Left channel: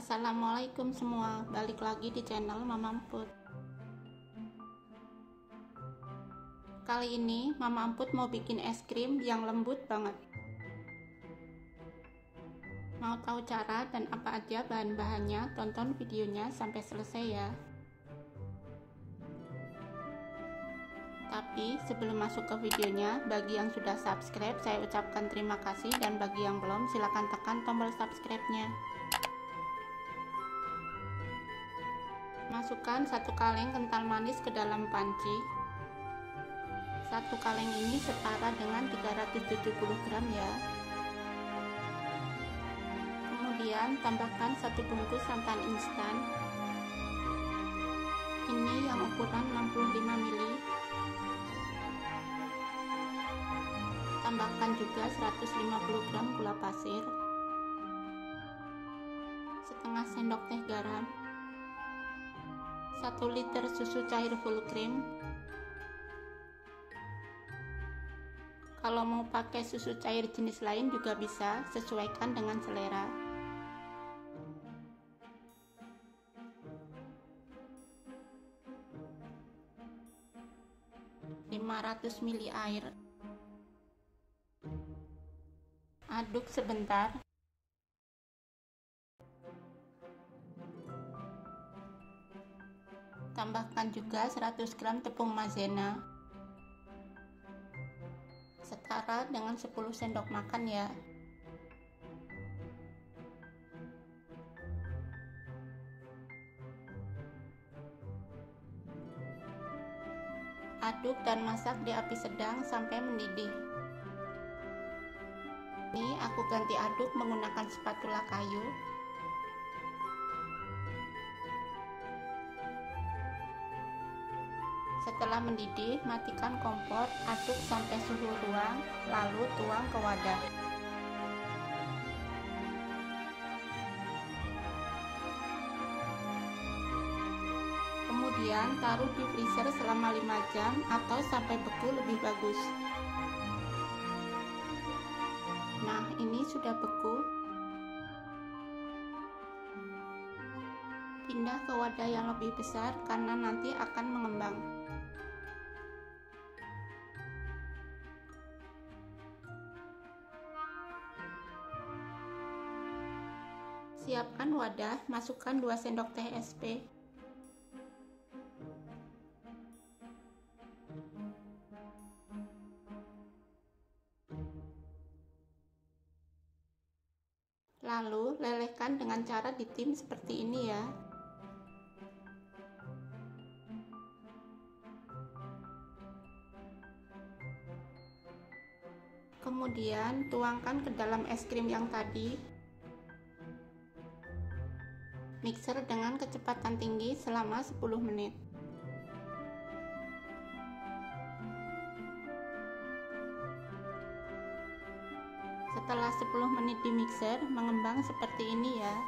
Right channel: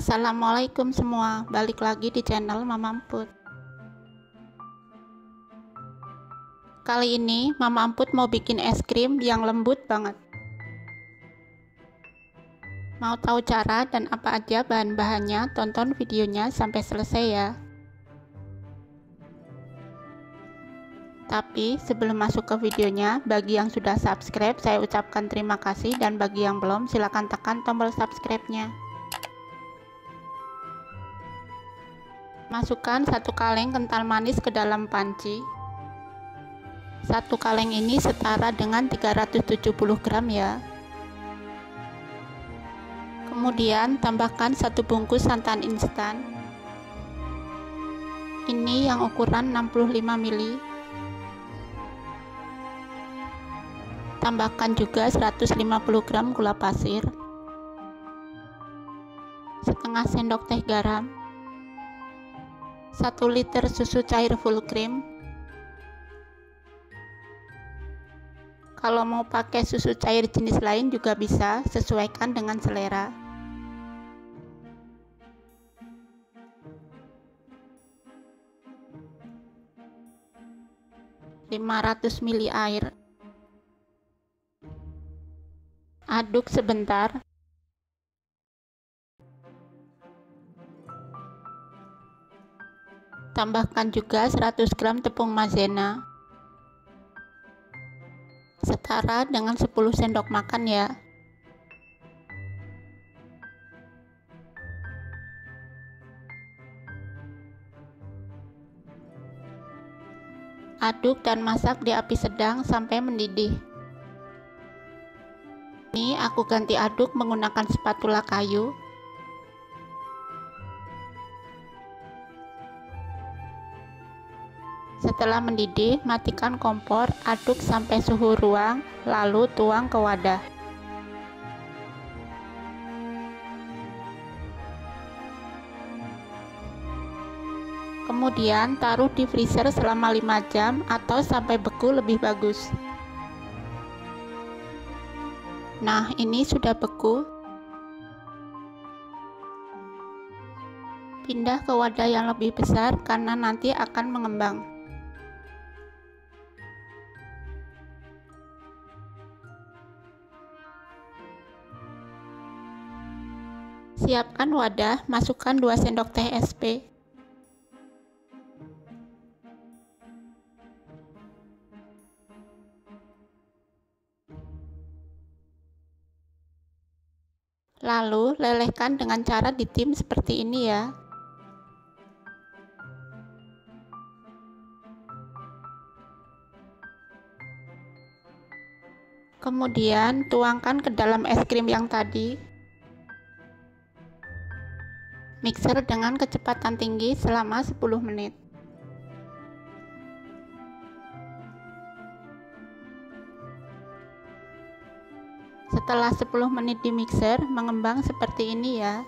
Assalamualaikum semua, balik lagi di channel Mama Emput. Kali ini Mama Emput mau bikin es krim yang lembut banget. Mau tahu cara dan apa aja bahan-bahannya? Tonton videonya sampai selesai ya. Tapi sebelum masuk ke videonya, bagi yang sudah subscribe saya ucapkan terima kasih, dan bagi yang belum silahkan tekan tombol subscribe-nya. Masukkan 1 kaleng kental manis ke dalam panci. 1 kaleng ini setara dengan 370 gram ya. Kemudian tambahkan 1 bungkus santan instan. Ini yang ukuran 65 ml. Tambahkan juga 150 gram gula pasir, setengah sendok teh garam, 1 liter susu cair full cream. Kalau mau pakai susu cair jenis lain juga bisa, sesuaikan dengan selera. 500 ml air. Aduk sebentar. Tambahkan juga 100 gram tepung maizena, setara dengan 10 sendok makan ya. Aduk dan masak di api sedang sampai mendidih. Ini aku ganti aduk menggunakan spatula kayu. Setelah mendidih, matikan kompor, aduk sampai suhu ruang, lalu tuang ke wadah. Kemudian taruh di freezer selama 5 jam atau sampai beku lebih bagus. Nah, ini sudah beku. Pindah ke wadah yang lebih besar karena nanti akan mengembang. Siapkan wadah, masukkan 2 sendok teh SP. Lalu lelehkan dengan cara ditim seperti ini ya. Kemudian tuangkan ke dalam es krim yang tadi. Mixer dengan kecepatan tinggi selama 10 menit. Setelah 10 menit di mixer, mengembang seperti ini ya.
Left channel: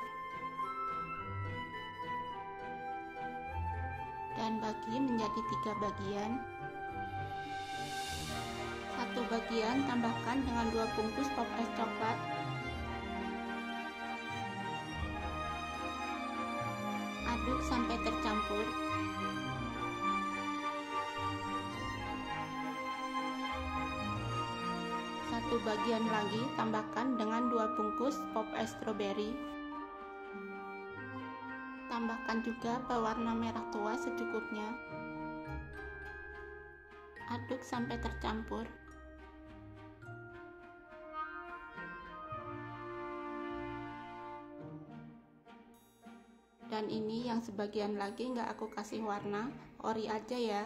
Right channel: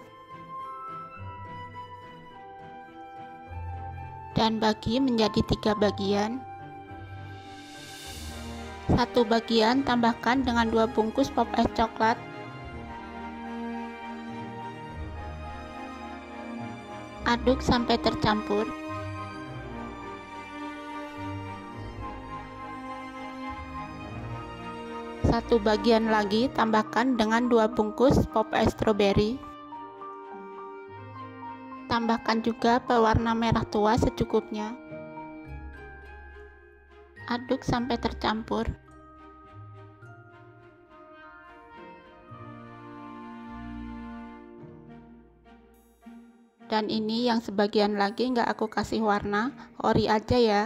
Dan bagi menjadi 3 bagian. 1 bagian tambahkan dengan 2 bungkus pop es coklat. Aduk sampai tercampur. Satu bagian lagi tambahkan dengan 2 bungkus pop es strawberry. Tambahkan juga pewarna merah tua secukupnya. Aduk sampai tercampur. Dan ini yang sebagian lagi nggak aku kasih warna, ori aja ya.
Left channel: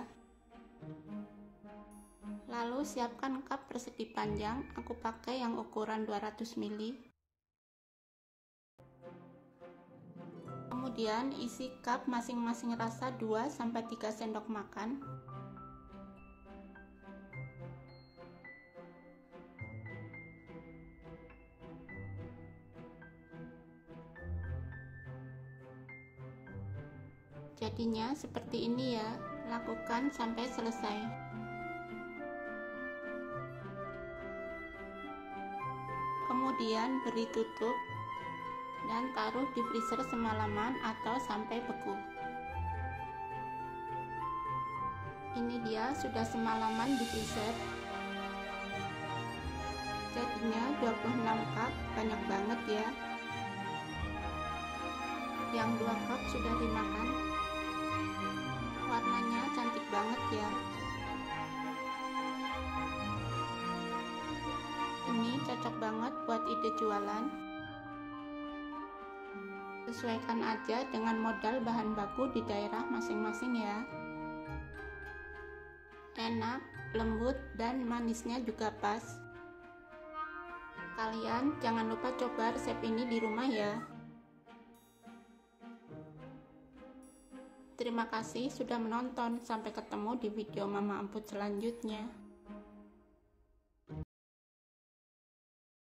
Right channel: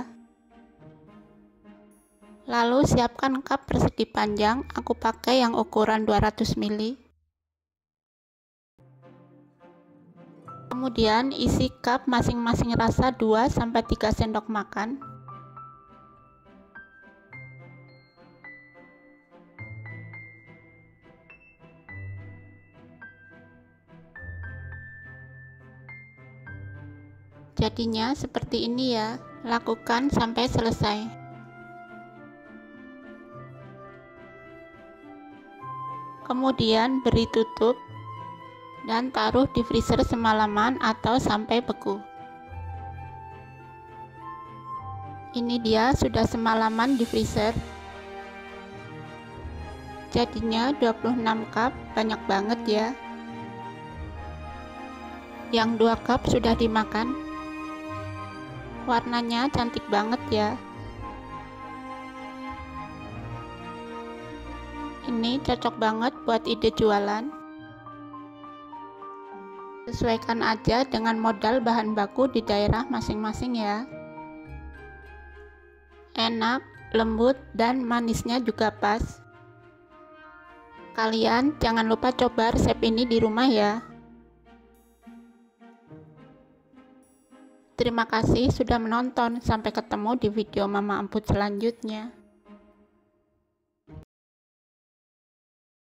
Lalu siapkan cup persegi panjang, aku pakai yang ukuran 200 ml. Kemudian isi cup masing-masing rasa 2-3 sendok makan. Jadinya seperti ini ya, lakukan sampai selesai. Kemudian beri tutup dan taruh di freezer semalaman atau sampai beku. Ini dia sudah semalaman di freezer. Jadinya 26 cup, banyak banget ya. Yang 2 cup sudah dimakan. Warnanya cantik banget ya. Ini cocok banget buat ide jualan. Sesuaikan aja dengan modal bahan baku di daerah masing-masing ya. Enak, lembut, dan manisnya juga pas. Kalian jangan lupa coba resep ini di rumah ya. Terima kasih sudah menonton. Sampai ketemu di video Mama Emput selanjutnya.